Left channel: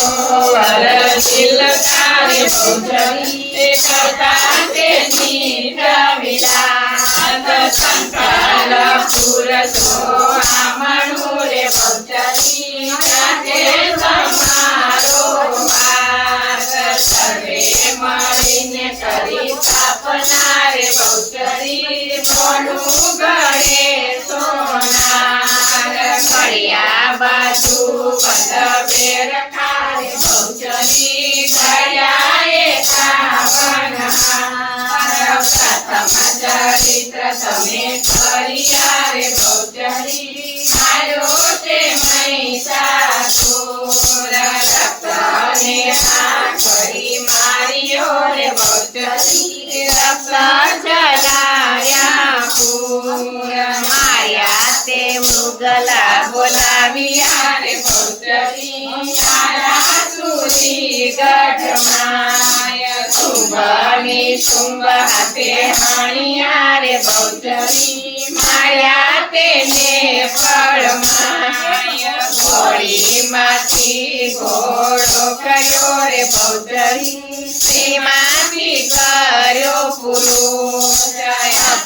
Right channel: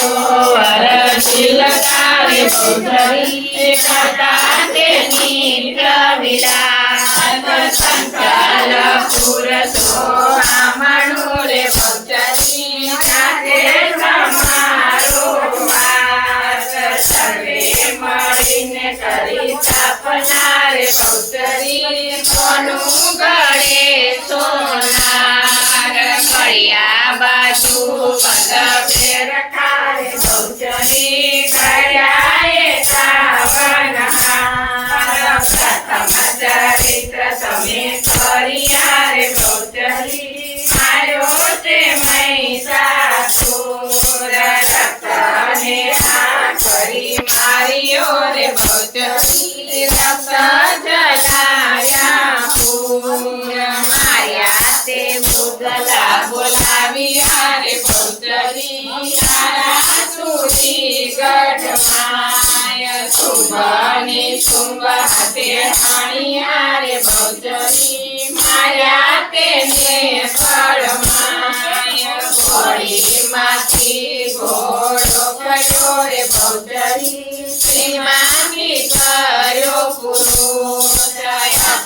वरशील कार्य बहुचरी करता तेनी प्रविलास संकल पुरसो आमणु रे बहुचरी जाते समारो वास सर्वे મળીને કરી સ્થાપના રે बहुचरी કોનું ગળે સોનાર કળિયા બાજુ પદવે રખા રે बहुचरी કર્યા એકાવનહાર પ્રથમ ચરિત્ર તમે કર્યા રે बहुचरी માર્યો તે મહિષાસુર રક્તને કરી માર્યો રે बहुचरी રક્ત જલાયા પૂર માર્યા તે મૃગલા બોલાવ્યા રે बहुचरी આરાસુરી ગઢમાય શુંભની શુંભ હાથે હાણ્યા રે बहुचरी માર્યા તેને ફળમાય ઘોડીમાંથી ઘોડો કર્યો રે बहुचरी તેમાંથી કર્યો પુરુષ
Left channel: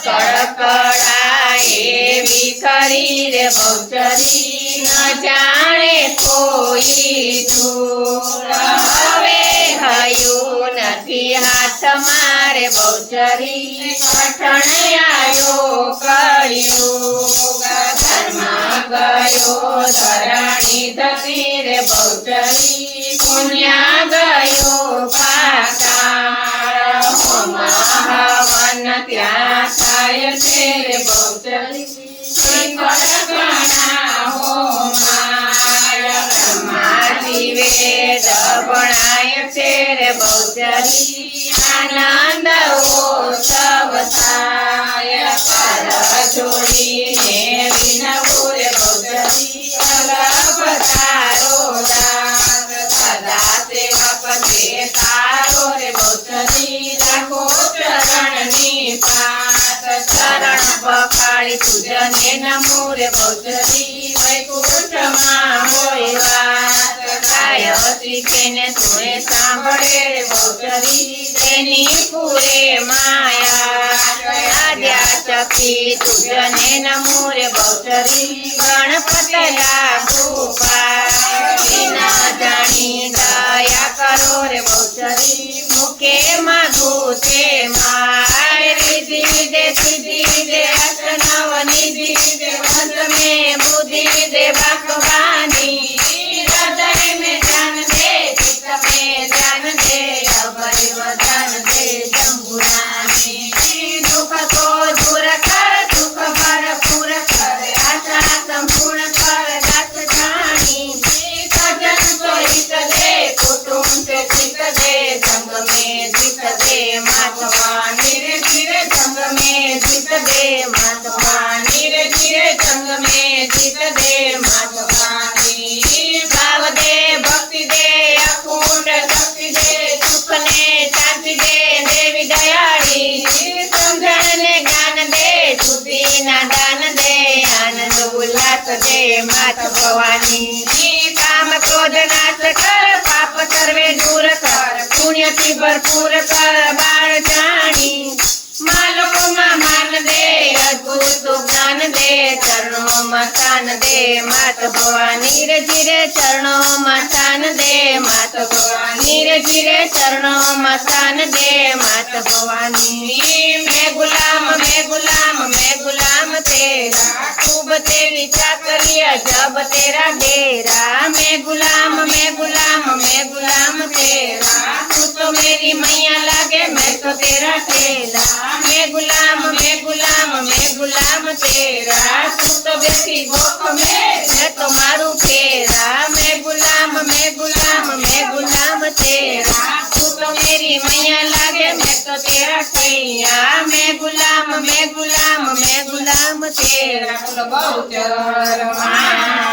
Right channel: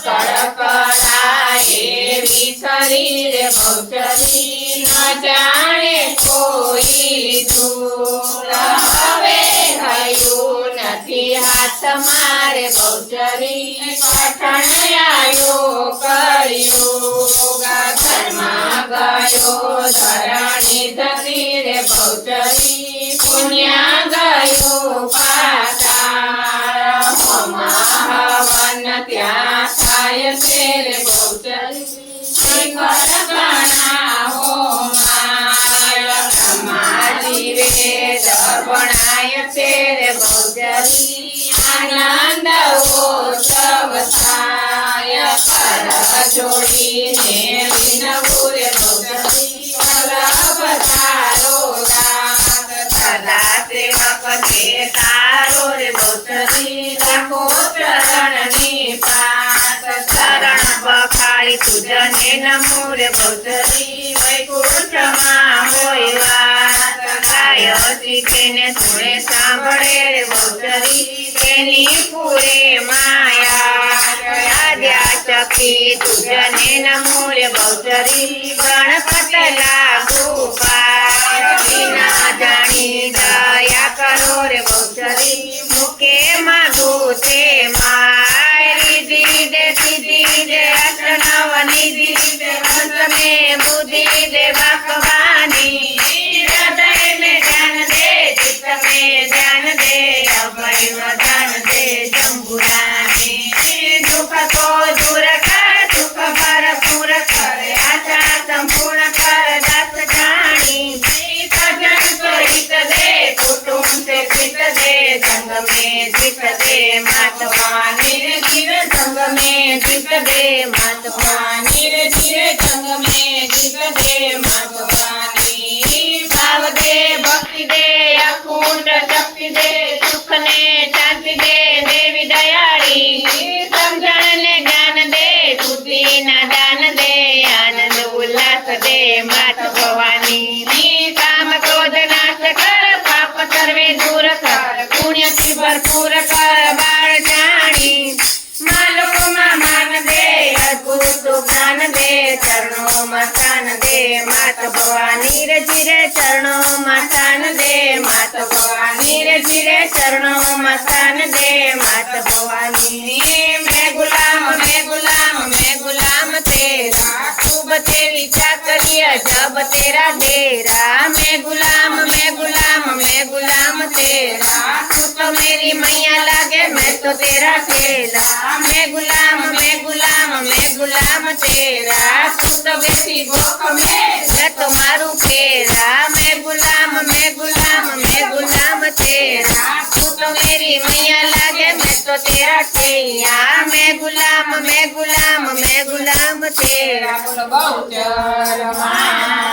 કળકળા એવી કરી રે बहुचरी ન જાણે કોઈ ધૂળ હવે થયું નથી હાથ મારે बहुचरी કઠણ આવ્યો કળિયુગ ધર્મ ગયો ધરણી ધરી રે बहुचरी પુણ્ય ગયો પાતાળ હોમ હવન ત્યાં થાય છે રે बहुचरी ઘણા હોમાય બ્રહ્માજી વેદ ભણાય છે રે बहुचरी આનંદ ઉત્સવ થાય પર જોડીને વિનવું રે बहुचरी વલ્લભ તારો દાસ સદા સેવક તે તારો રે बहुचरी રાખો ચરણની પાસ ચરણ પખાડી તુજને નમો રે बहुचरी વૈકુંઠમાં હોય વાસ ગાય તેને સુણે સાંભળે રે बहुचरी તેની પૂરે માયા આદ્યા ચકી તુજને નમો રે बहुचरी ગણપત લાગુ પાય વિના જાણી દયા કરો રે बहुचरी મુકે માગું તે માય રીધિ દે સિદ્ધિ દે અષ્ટનવ નિધિ દે અંત में बुद्धि दे भगवानी हृदय में ध्यान दे चित्त में ध्यान दे अभय वदन दे जम्बुरानी दुख को दूर कर दुख भरपूर कर आशा संपूर्ण कर दस जानी सजन को हित दे कुटुंब से हित दे संग में जित दे महात्मा धीरे धीरे संग में जित दे महात्मा धीरे धीरे संग में जित दे महात्मा भाव दे भक्ति दे अखंड शक्ति दे सुख ने शांति दे देवी दयाली समझण ने ज्ञान दे बुद्धि ना दान दे आनंद उल्लास दे मात भवानी काम क्रोध नाश कर पाप सर्वे दूर कर पुण्य की भरपूर कर बाळ जानी मालको मा मान दे अद्भुत ज्ञान दे चरणों में स्थान दे मात भवानी रे धीरे चरणों में स्थान दे मात भवानी रे धीरे चरणों में स्थान दे मात भवानी मैं गुलाम तेरा खूब तेरी चाकरिया जब तेरा डेरा मैं गुलाम तेरा तू तो मेरी मैया लागे मैं तो तेरा चेला मैं गुलाम तेरा तू तो बेटी गोख में मैं तो मारू फेरा मैं गुलाम तेरा तू तो मेरी मैया लागे मैं तो तेरा कैया मैं गुलाम तेरा बहुचर